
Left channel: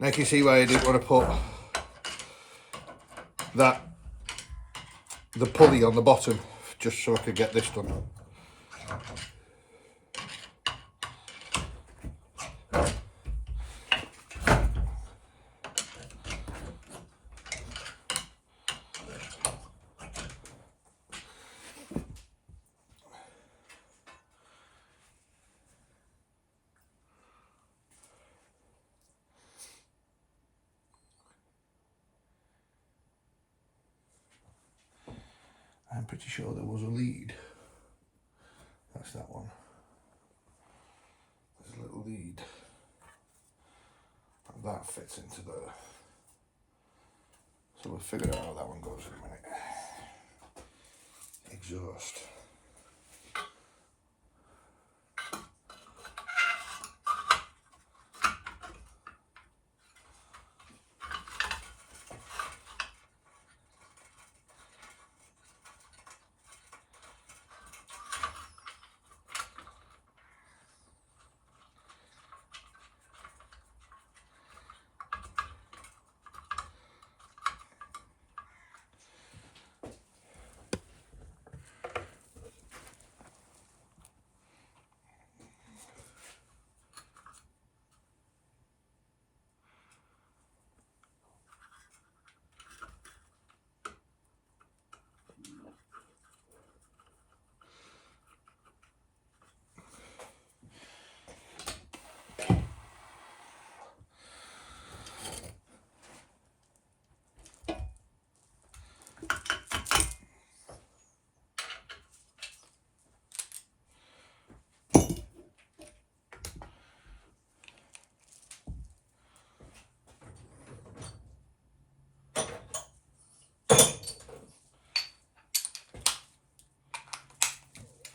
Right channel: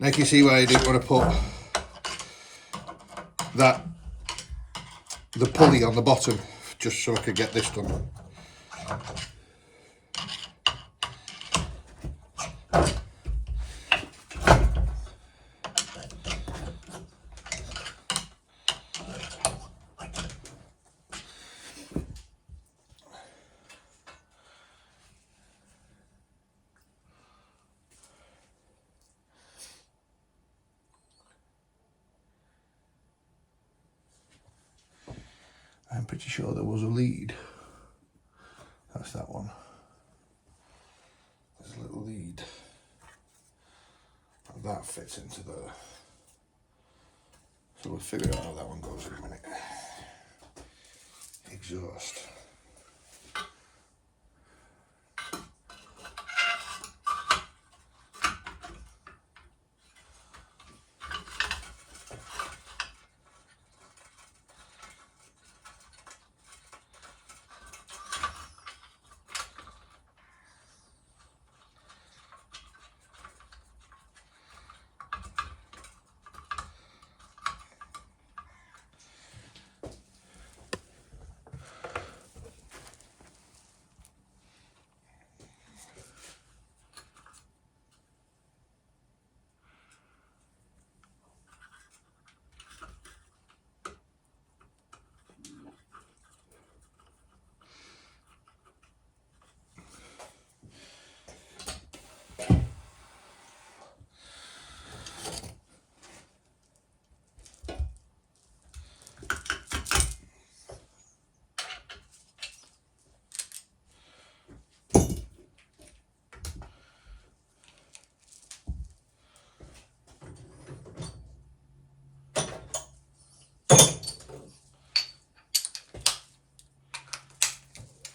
Now you can see why I didn't want to put the pulley on the bottom, just so I could get this done. I'm pretty sure there was a lead. That's that one. There's a little lead. And that fits into there. So we'll figure out how that one goes in a minute. Exhaust.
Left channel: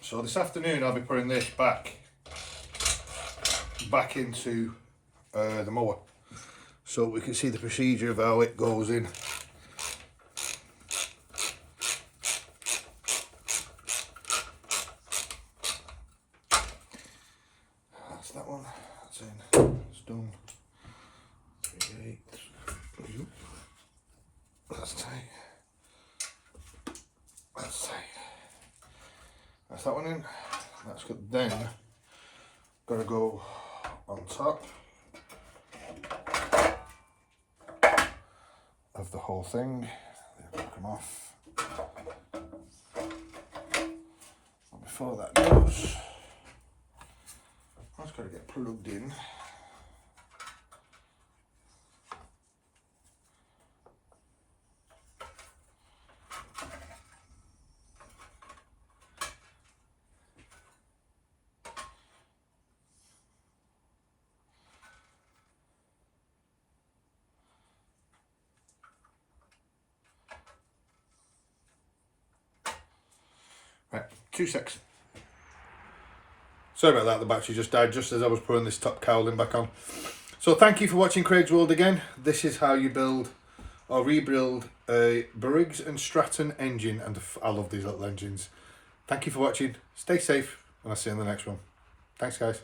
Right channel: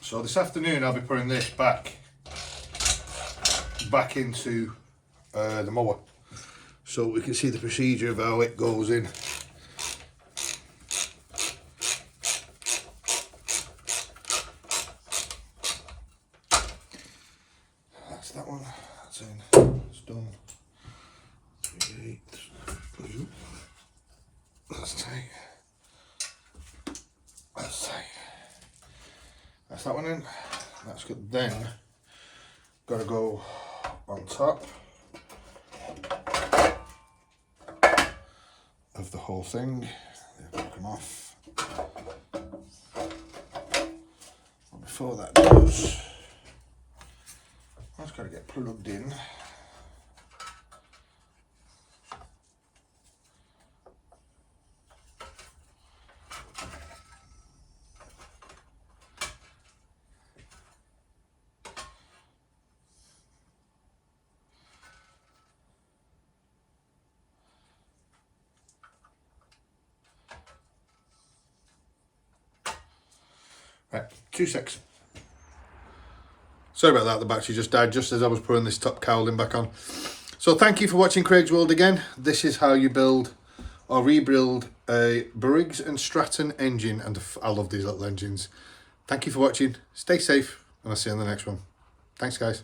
So this afternoon I'll be putting this back into the mower, so we can see the procedure of how it goes in. That's that one, that's in, it's done. 3/8, that's tight. That's tight. That's that one in. That's good. Then gonna go on top of the whole thing. They're gonna come off. And before that goes, that's got to get plugged in. Right, 2 secs. Sorry about that, the battery just died just as I was putting this top cowling back on. So thank you for watching Craig's World again. This is how you build or rebuild a Briggs and Stratton engine, and I love these little engines. Thank you for watching, stay safe, and I'll see you on the next one. Thanks guys.